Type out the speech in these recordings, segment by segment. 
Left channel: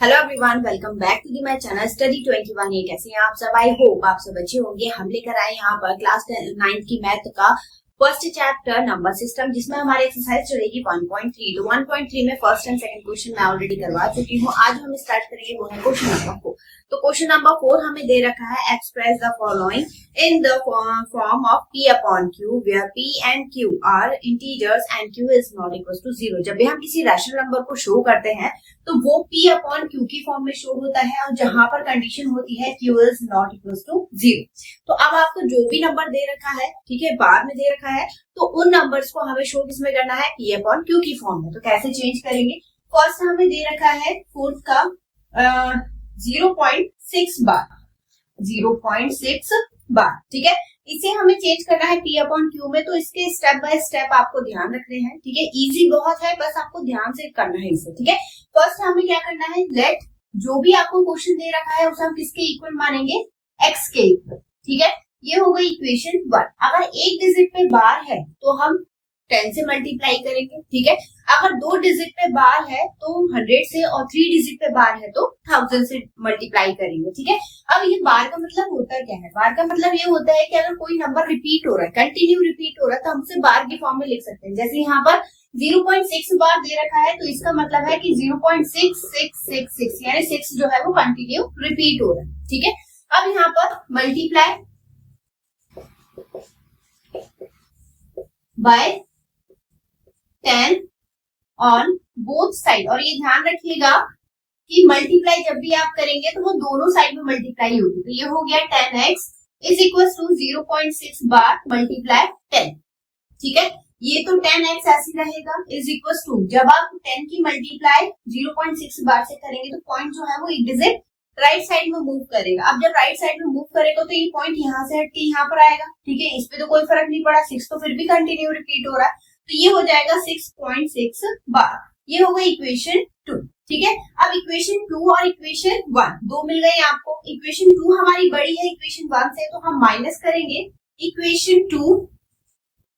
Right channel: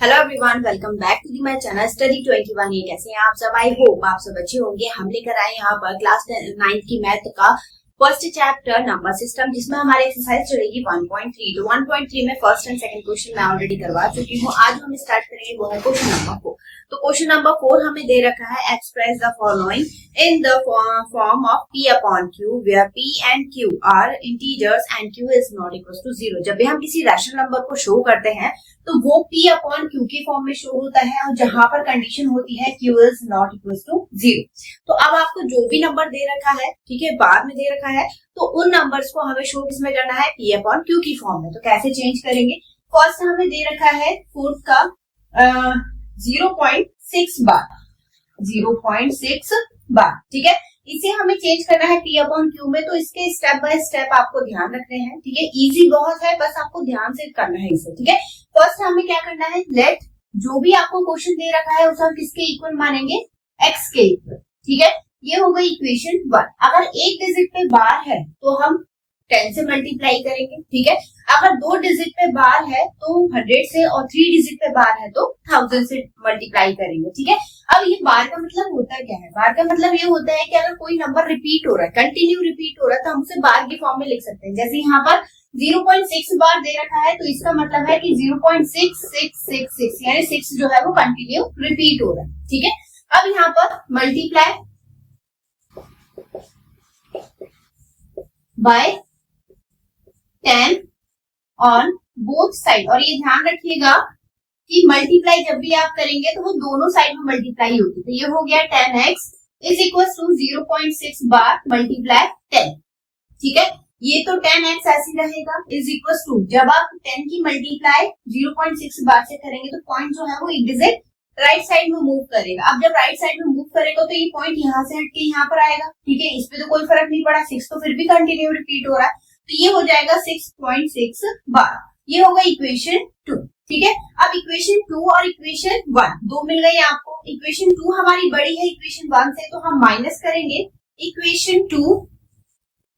Hello everyone, welcome back to the my channel study 21। ये कैसे हैं आप सब? आई होप आप सब अच्छे होंगे। हम लेकर आए यहाँ पर क्लास 9 की मैथ का फर्स्ट चैप्टर नंबर सिस्टम, जिसमें हमारी एक्सरसाइज चलेगी 1.3। तो 1.3 में फर्स्ट एंड सेकंड क्वेश्चन मैं ऑलरेडी करवा चुकी हूँ। आज हम स्टार्ट करेंगे, वो है क्वेश्चन नंबर 4। तो क्वेश्चन नंबर 4 हमें दे रखा है, express the following in the form of P upon Q where P and Q are integers and Q is not equal to 0। जब भी हम किसी रैशनल नंबर को शो करते हैं तो वो P अपॉन Q की फॉर्म में शो होता है, और जहां पर कंडीशन होती है Q is not equal to 0। तो अब आपको जो भी नंबर दे रखा है, ठीक है, बार में दे रखा है, तो उन नंबर्स को हमें शो किसमें करना है? P अपॉन Q की फॉर्म में। तो कैसे चेंज करेंगे? फर्स्ट हमें दे रखा है फोर्थ का 0.6 बार, 0.6 बार, ठीक है। इसे हमें चेंज करना है P अपॉन Q में। तो इसके स्टेप बाय स्टेप आपको ध्यान रखने हैं, ठीक है। इजी बहुत है, बस आपको ध्यान से करना है इसे, ठीक है। फर्स्ट हमें क्या करना है, लेट जो भी आपको क्वेश्चन दे रखा है उसे हम किसके इक्वल मानेंगे? x के इक्वल, ठीक है। ये हो गई इक्वेशन 1। अगर एक डिजिट पे बार है तो हम 10 से मल्टीप्लाई करेंगे, ठीक है। अगर 2 डिजिट पे बार है तो 100 से, और 3 डिजिट पे बार है तो 1000 से मल्टीप्लाई करेंगे, ठीक है। अब ये बार का मतलब होता क्या है? बार का मतलब ये होता है कि अगर कोई नंबर रिपीट हो रहा है, कंटिन्यू रिपीट हो रहा है, तो हम उसे बार की फॉर्म में लिख सकते हैं। जैसे यहाँ पर 0.6 बार दे रखा है, तो इसका मतलब है कि 0.6666 यानी 6 जो है वो कंटिन्यू रिपीट हो रहा है, ठीक है। अब यहाँ पर multiply by 10 on both side. और ये ध्यान रखिएगा कि मल्टीप्लाई जब भी आप करेंगे तो वो दोनों साइड में मल्टीप्लाई होगी। तो ये हो गया 10x is equal to 0.6 bar multiply 10, ठीक है। ये तो 10x ऐसे रहेगा इज इक्वल टू, जब आप 10 की मल्टीप्लाई 0.6 बार से करेंगे तो पॉइंट जो है वो एक डिजिट राइट साइड में मूव करेगा। अब जब राइट साइड में मूव करेगा तो ये पॉइंट यहाँ से हट के यहाँ पर आएगा, ठीक है। इस पे तो कोई फर्क नहीं पड़ा, 6 तो फिर भी कंटिन्यू रिपीट हो रहा है, तो ये हो जाएगा 6.6 बार। ये होगा इक्वेशन 2, ठीक है। अब इक्वेशन 2 और इक्वेशन 1 दो मिल गई आपको। इक्वेशन 2 हमारी बड़ी है इक्वेशन 1 से, तो हम माइनस करेंगे इक्वेशन 2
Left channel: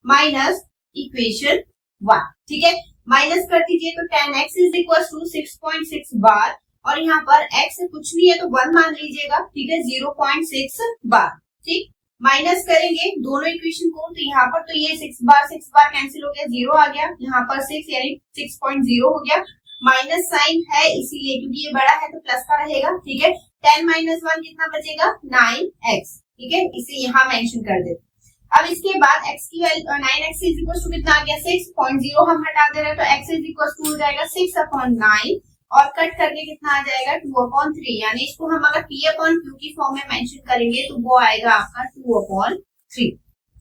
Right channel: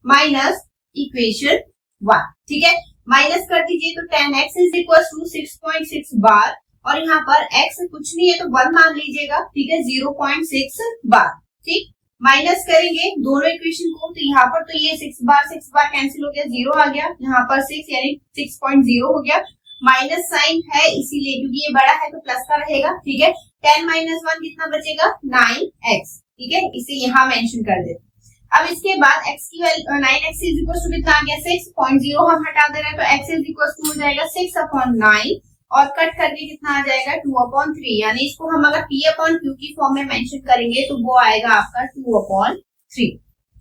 माइनस इक्वेशन 1, ठीक है। माइनस कर दीजिए तो 10x इज इक्वल टू 6.6 बार, और यहाँ पर x कुछ नहीं है तो 1 मान लीजिएगा, ठीक है, 0.6 बार, ठीक। माइनस करेंगे दोनों इक्वेशन को, तो यहाँ पर तो ये 6 बार कैंसिल हो गया, 0 आ गया, यहाँ पर 6 यानी 6.0 हो गया। माइनस साइन है इसीलिए, क्योंकि ये बड़ा है तो प्लस का रहेगा, ठीक है। 10 माइनस 1 कितना बचेगा? 9x, ठीक है। इसे यहाँ मेंशन कर देते। अब इसके बाद x की value 9x is equal to कितना आ गया? 6.0 हम हटा दे रहे हैं, तो x इज इक्वल टू हो जाएगा 6 अपॉन 9, और कट करके कितना आ जाएगा? 2 अपॉन 3। यानी इसको हम अगर P अपॉन Q की फॉर्म में मेंशन करेंगे तो वो आएगा आपका 2 अपॉन 3,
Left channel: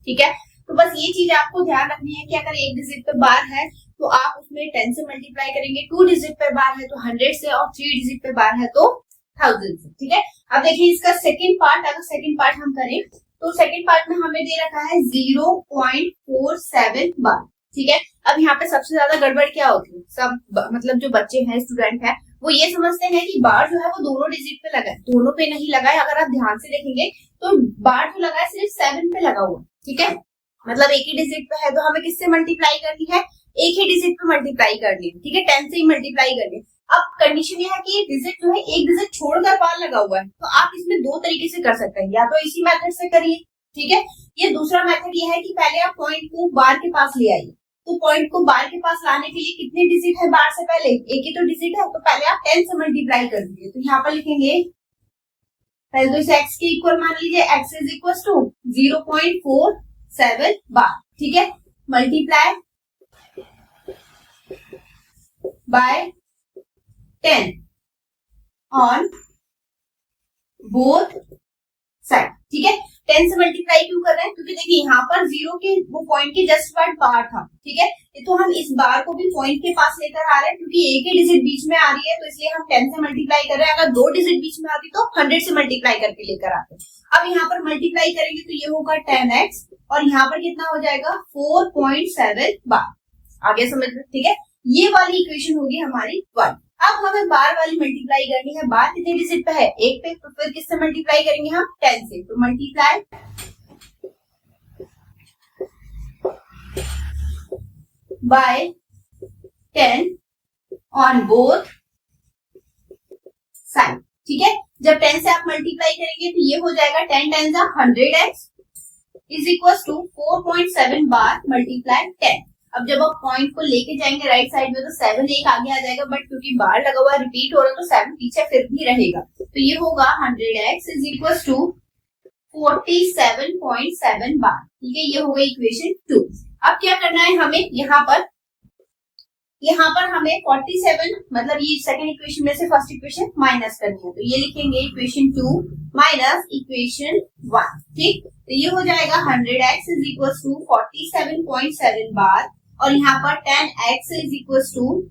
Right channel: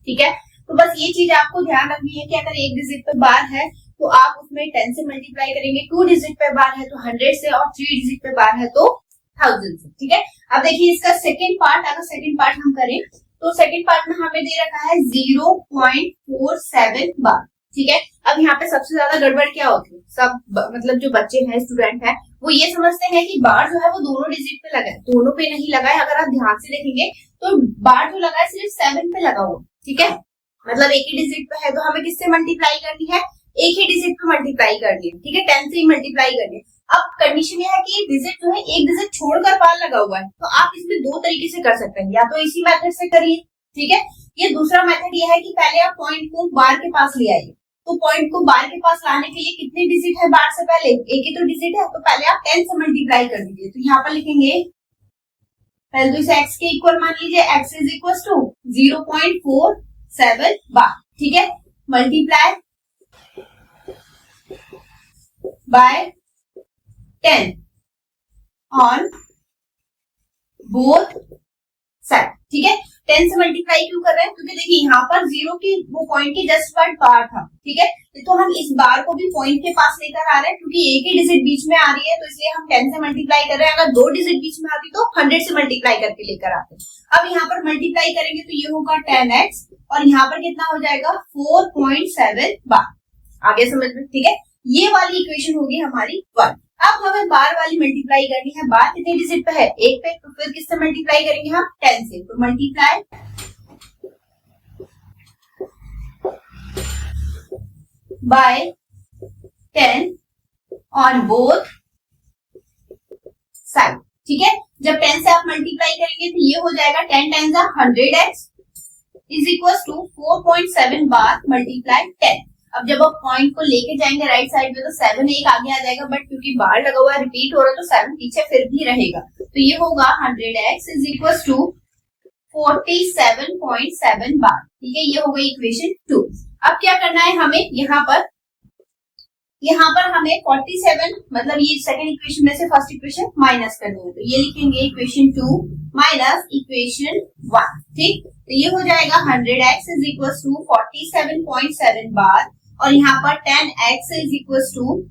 ठीक है। तो बस ये चीज आपको ध्यान रखनी है कि अगर एक डिजिट पे बार है तो आप उसमें 10 से मल्टीप्लाई करेंगे, 2 डिजिट पे बार है तो 100 से, और 3 डिजिट पे बार है तो 1000 से, ठीक है। अब देखिए इसका सेकेंड पार्ट, अगर सेकेंड पार्ट हम करें तो सेकेंड पार्ट में हमें दे रखा है 0.47 बार, ठीक है। अब यहाँ पे सबसे ज्यादा गड़बड़ क्या होती है? सब मतलब जो बच्चे हैं, स्टूडेंट हैं, वो ये समझते हैं कि बार जो है वो दोनों डिजिट पे लगा है। दोनों पे नहीं लगा है। अगर आप ध्यान से देखेंगे तो बार जो लगा है सिर्फ 7 पे लगा हुआ, ठीक है। मतलब एक ही डिजिट पे है तो हमें किससे मल्टीप्लाई करनी है? एक ही डिजिट पे मल्टीप्लाई करनी है, ठीक है। 10 से ही मल्टीप्लाई करनी है। अब कंडीशन ये है कि डिजिट जो है एक डिजिट छोड़कर बार लगा हुआ है, तो आप इसमें दो तरीके से कर सकते हैं, या तो इसी मेथड से करिए, ठीक है। ये दूसरा मेथड ये है कि पहले आप पॉइंट को बार के पास ले आइए। तो पॉइंट को बार के पास लाने के लिए कितने डिजिट है बार से पहले? एक ही तो डिजिट है, तो पहले आप 10 से मल्टीप्लाई कर दीजिए। तो यहाँ पर लिखेंगे, पहले तो इसे x के इक्वल मान लीजिए, x इज इक्वल टू 0.47 बार, ठीक है। Multiply by 10 on both side, ठीक है। 10 से मल्टीप्लाई क्यों कर रहे हैं? क्योंकि देखिए यहाँ पर 0 के वो पॉइंट के जस्ट बाद बार था, ठीक है। तो हम इस बार को भी पॉइंट के पास लेकर आ रहे हैं, क्योंकि एक ही डिजिट बीच में आ रही है, तो इसलिए हम 10 से मल्टीप्लाई कर रहे हैं। अगर 2 डिजिट बीच में आती तो 100 से मल्टीप्लाई करके लेकर आते। अब यहाँ पर मल्टीप्लाई करेंगे तो ये होगा 10x, और यहाँ पर कितना हो जाएगा? 4.7 बार। आगे समझ में, ठीक है। ये वाली इक्वेशन होगी हमारी 1। अब हमें बार वाली मल्टीप्लाई करनी है। बार कितने डिजिट पे है? एक पे, तो फिर किससे मल्टीप्लाई करेंगे हम? 10 से। तो multiply by 10 on both side. ठीक है, जब 10 से आप मल्टीप्लाई करेंगे तो ये हो जाएगा 10 times 100x is equal to 4.7 bar multiply 10। अब जब आप पॉइंट को लेके जाएंगे राइट साइड में तो 7 एक आगे आ जाएगा, बट क्योंकि बार लगा हुआ रिपीट हो रहा है तो 7 पीछे फिर भी रहेगा, तो ये होगा 100x इज इक्वल टू 47.7 बार। ठीक है, ये हो गई इक्वेशन 2। अब क्या करना है हमें, यहाँ पर हमें 47 मतलब ये सेकंड इक्वेशन में से फर्स्ट इक्वेशन माइनस करनी है, तो ये लिखेंगे इक्वेशन 2 माइनस इक्वेशन 1। ठीक, तो ये हो जाएगा 100x इज इक्वल टू 47.7 बार और यहाँ पर 10x इज इक्वल टू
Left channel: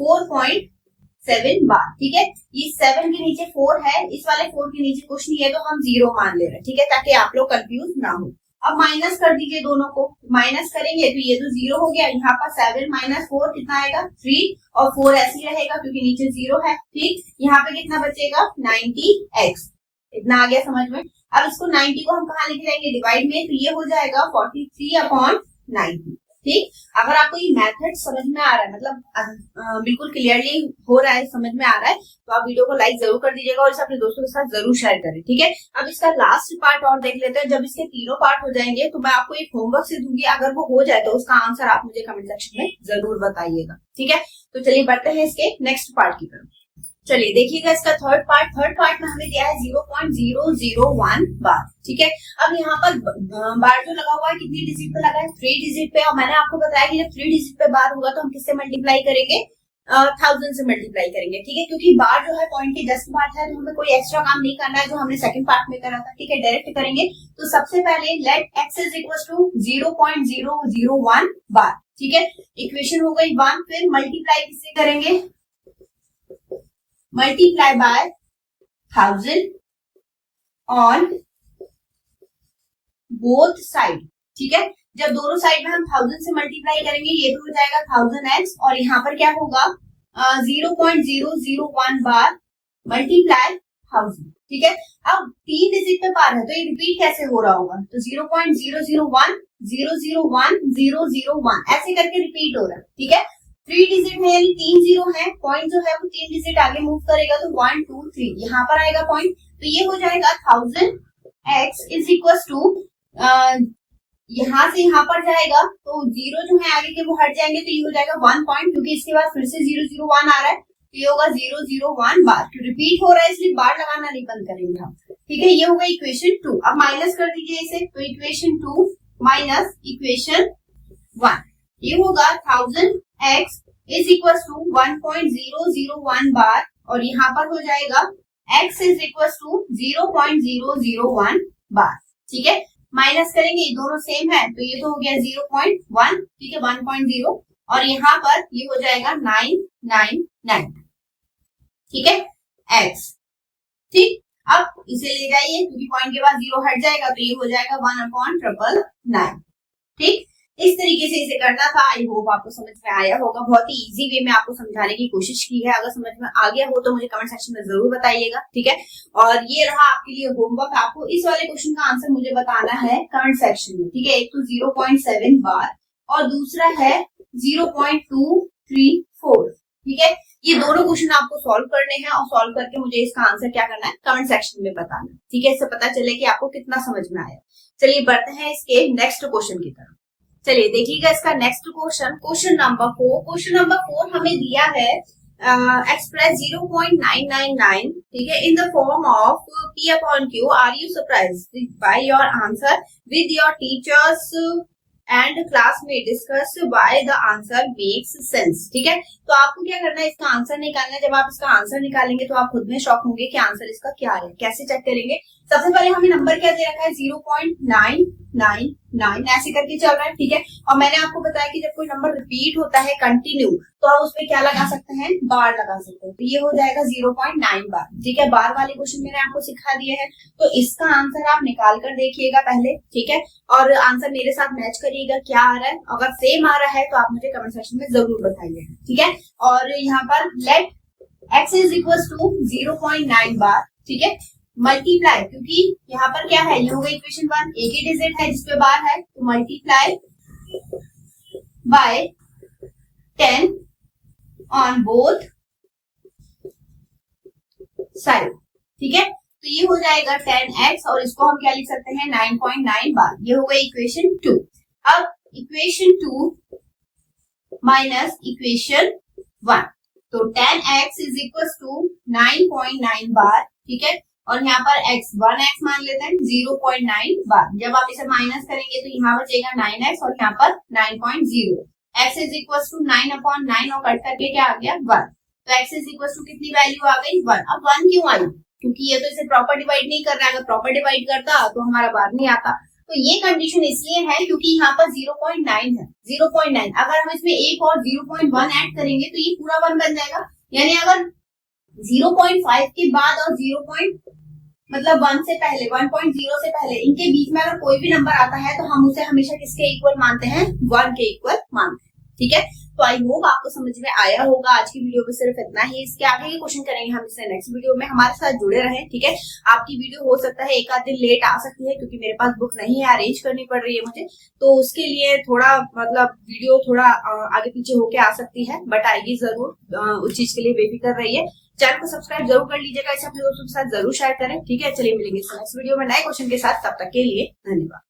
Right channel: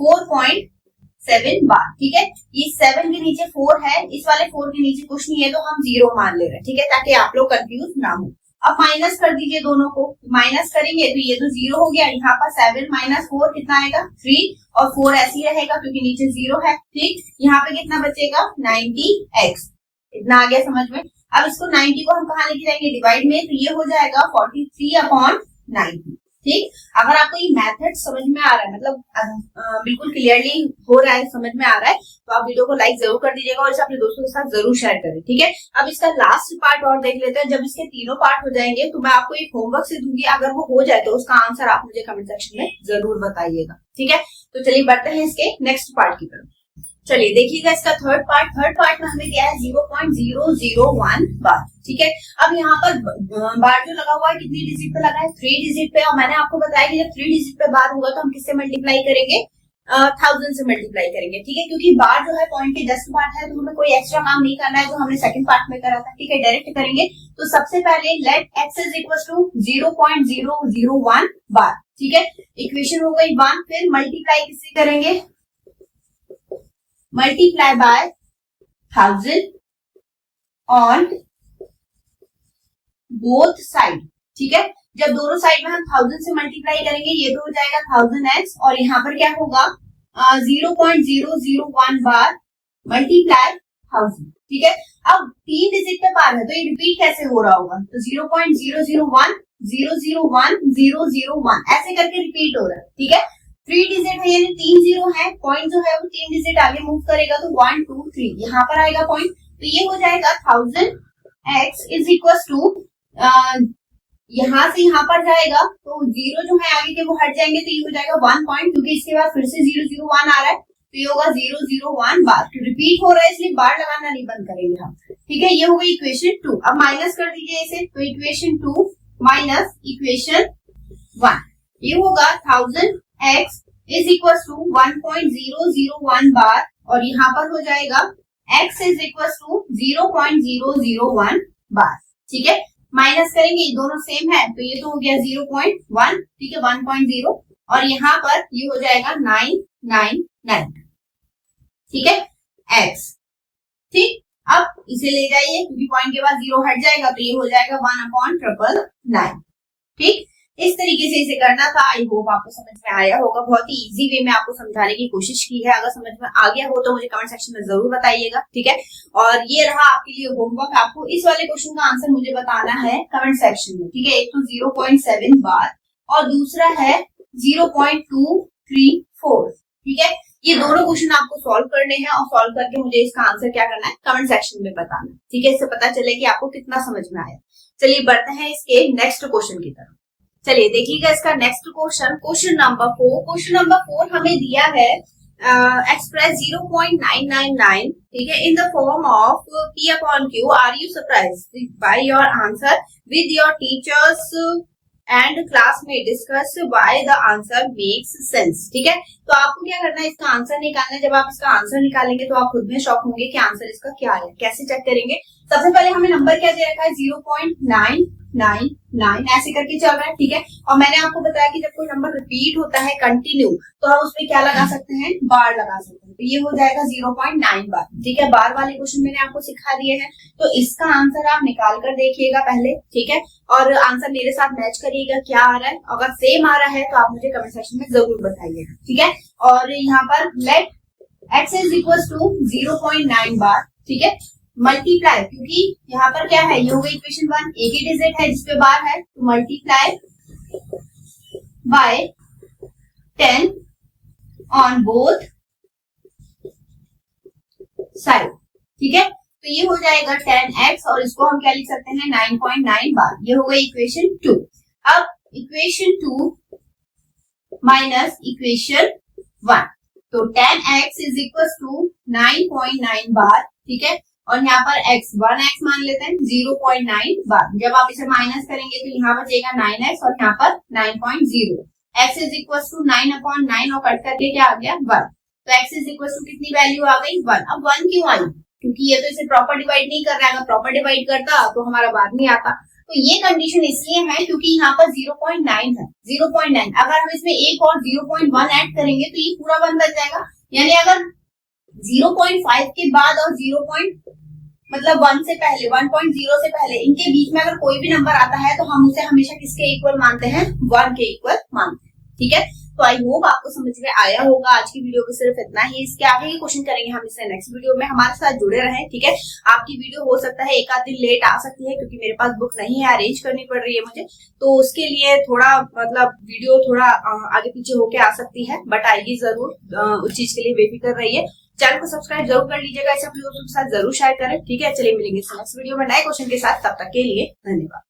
4.7 बार। ठीक है, ये 7 के नीचे 4 है, इस वाले 4 के नीचे कुछ नहीं है तो हम 0 मान ले रहे हैं। ठीक है, ताकि आप लोग कंफ्यूज ना हो। अब माइनस कर दीजिए दोनों को, माइनस करेंगे तो ये तो 0 हो गया, यहाँ पर 7 माइनस 4 कितना आएगा 3 और 4 ऐसे ही रहेगा क्योंकि नीचे 0 है। ठीक, यहाँ पे कितना बचेगा 90x, इतना आ गया समझ में। अब इसको 90 को हम कहाँ लेके जाएंगे डिवाइड में, तो ये हो जाएगा 43/90। ठीक, अगर आपको ये मेथड समझ में आ रहा है, मतलब बिल्कुल क्लियरली हो रहा है, समझ में आ रहा है, तो आप वीडियो को लाइक जरूर कर दीजिएगा और इसे अपने दोस्तों के साथ जरूर शेयर करें। ठीक है, अब इसका लास्ट पार्ट और देख लेते हैं। जब इसके तीनों पार्ट हो जाएंगे तो मैं आपको एक होमवर्क से दूंगी, अगर वो हो जाए तो उसका आंसर आप मुझे कमेंट सेक्शन में जरूर बताइएगा। ठीक है, तो चलिए बढ़ते हैं इसके नेक्स्ट पार्ट की तरफ। चलिए देखिएगा इसका थर्ड पार्ट में हमें दिया है 0.001 बार। ठीक है, अब यहाँ पर बार जो लगा हुआ है कितनी डिजिट पे लगा है 3 डिजिट पे, और मैंने आपको बताया कि जब 3 डिजिट पे बार होगा तो हम किससे मल्टीप्लाई करेंगे 1000 से मल्टीप्लाई करेंगे। ठीक है, क्योंकि बार जो है पॉइंट के जस्ट बार है तो हमें कोई एक्स्ट्रा काम नहीं करना है जो हमने सेकंड पार्ट में करा था। ठीक है, डायरेक्ट करेंगे। तो सबसे पहले let x is equal to 0.001 bar. ठीक है, इक्वेशन हो गई 1, फिर मल्टीप्लाई किससे करेंगे, multiply by 1000 on both side. ठीक है, जब दोनों साइड में हम 1000 से मल्टीप्लाई करेंगे ये तो हो जाएगा 1000x और यहाँ पर क्या होगा 0.001 बार मल्टीप्लाई 1000। ठीक है, अब 3 डिजिट पे बार है तो ये रिपीट कैसे हो रहा होगा, तो 0.001 001 001 ऐसे करके रिपीट हो रहा है। ठीक है, 3 डिजिट है यानी 3 0 है, पॉइंट जो है वो 3 डिजिट आगे मूव करेगा तो 1 2 3 यहाँ पर आएगा पॉइंट, तो ये हो जाएगा 1000x इज इक्वल टू यहाँ से यहाँ पर जाएगा तो 0 जो है आगे के वो हट जाएंगे तो ये हो जाएगा 1 पॉइंट, क्योंकि इसके बाद फिर से 001 आ रहा है तो ये होगा 001 बार। तो रिपीट हो रहा है इसलिए बार लगाना नहीं बंद करेंगे हम। ठीक है, ये होगा इक्वेशन 2। अब माइनस कर दीजिए इसे, तो इक्वेशन 2 माइनस इक्वेशन 1 ये होगा 1000x इज इक्वल टू 1.001 बार और यहाँ पर हो जाएगा x is equal to 0.001 bar. ठीक है, माइनस करेंगे ये दोनों सेम है तो ये तो हो गया 0.1। ठीक है, 1.0 और यहाँ पर ये हो जाएगा 999। ठीक है, x। ठीक, अब इसे ले जाइए क्योंकि पॉइंट के बाद 0 हट जाएगा तो ये हो जाएगा 1/999। ठीक, इस तरीके से इसे करना था। आई होप आपको समझ में आया होगा, बहुत ही इजी वे में आपको समझाने की कोशिश की है। अगर समझ में आ गया हो तो मुझे कमेंट सेक्शन में जरूर बताइएगा। ठीक है, और ये रहा आपके लिए होमवर्क, आपको इस वाले क्वेश्चन का आंसर मुझे बताना है कमेंट सेक्शन में। ठीक है, एक तो 0.7 बार और दूसरा है 0.234। ठीक है, ये दोनों क्वेश्चन आपको सॉल्व करने हैं और सॉल्व करके मुझे इसका आंसर क्या करना है कमेंट सेक्शन में बताना। ठीक है, इससे पता चले कि आपको कितना समझ में आया। चलिए बढ़ते हैं इसके नेक्स्ट क्वेश्चन की तरफ। चलिए देखिएगा इसका next question, question number 4। Question number 4 हमें दिया है एक्सप्रेस 0.999। ठीक है, in the form of p upon q। Are you surprised by your answer with your teachers and class में discuss why the answer makes sense. ठीक है, तो आपको क्या करना है, इसका आंसर निकालना है। जब आप इसका आंसर निकालेंगे तो आप खुद में शॉक होंगे कि आंसर इसका क्या है। कैसे चेक करेंगे, सबसे पहले हमें नंबर क्या दे रखा है 0.999 ऐसे करके चल रहा है। ठीक है, और मैंने आपको बताया कि जब कोई नंबर रिपीट होता है कंटिन्यू तो हम उसमें क्या लगा सकते हैं, बार लगा सकते हैं। तो ये हो जाएगा 0.9 बार। ठीक है, बार वाले क्वेश्चन मैंने आपको सिखा दिए हैं, तो इसका आंसर आप निकाल कर देखिएगा पहले। ठीक है, और आंसर मेरे साथ मैच करिएगा क्या आ रहा है। अगर सेम आ रहा है तो आप मुझे कमेंट सेक्शन में जरूर बताइएगा। ठीक है, और यहाँ पर let x is equal to 0.9 bar. ठीक है, मल्टीप्लाई, क्योंकि यहाँ पर क्या है, ये हो गई इक्वेशन 1, एक ही डिजिट है जिसपे बार है, तो multiply by 10 on both side, ठीक है। तो ये हो जाएगा 10x और इसको हम क्या लिख सकते हैं 9.9 बार। ये हो गई इक्वेशन 2। अब इक्वेशन 2 माइनस इक्वेशन 1, तो 10x इज इक्वल टू 9.9 बार, ठीक है। और यहाँ पर x 1x मान लेते हैं 0.9 बार। जब आप इसे माइनस करेंगे तो यहाँ बचेगा 9x और यहाँ पर 9.0। x इज इक्वल टू 9/9 और कट करके क्या आ गया 1। तो x इज इक्वल टू कितनी वैल्यू आ गई 1। अब 1 क्यों आई, क्योंकि ये तो इसे प्रॉपर डिवाइड नहीं कर रहा है। अगर प्रॉपर डिवाइड करता तो हमारा बाद में आता। तो ये कंडीशन इसलिए है क्योंकि यहाँ पर 0.9 है, 0.9। अगर हम इसमें एक और 0.1 ऐड करेंगे तो ये पूरा 1 बन जाएगा। यानी अगर 0.5 के बाद और 1 से पहले 1.0 से पहले इनके बीच में अगर कोई भी नंबर आता है तो हम उसे हमेशा किसके इक्वल मानते हैं 1 के इक्वल मानते हैं, ठीक है। तो आई होप आपको समझ में आया होगा। आज की वीडियो में सिर्फ इतना ही। इसके आगे के क्वेश्चन करेंगे हम इससे नेक्स्ट वीडियो में। हमारे साथ जुड़े रहें, ठीक है। आपकी वीडियो हो सकता है एक आध दिन लेट आ सकती है क्योंकि मेरे पास बुक नहीं है, अरेंज करनी पड़ रही है मुझे, तो उसके लिए थोड़ा वीडियो थोड़ा आगे पीछे होके आ सकती है, बट आएगी जरूर। उस चीज के लिए बेफिक्र रहिए। चैनल को सब्सक्राइब जरूर कर लीजिएगा, इसे अपने दोस्तों के साथ जरूर शेयर करें, ठीक है। चलिए मिलेंगे नेक्स्ट वीडियो में नए क्वेश्चन के साथ। तब तक के लिए धन्यवाद।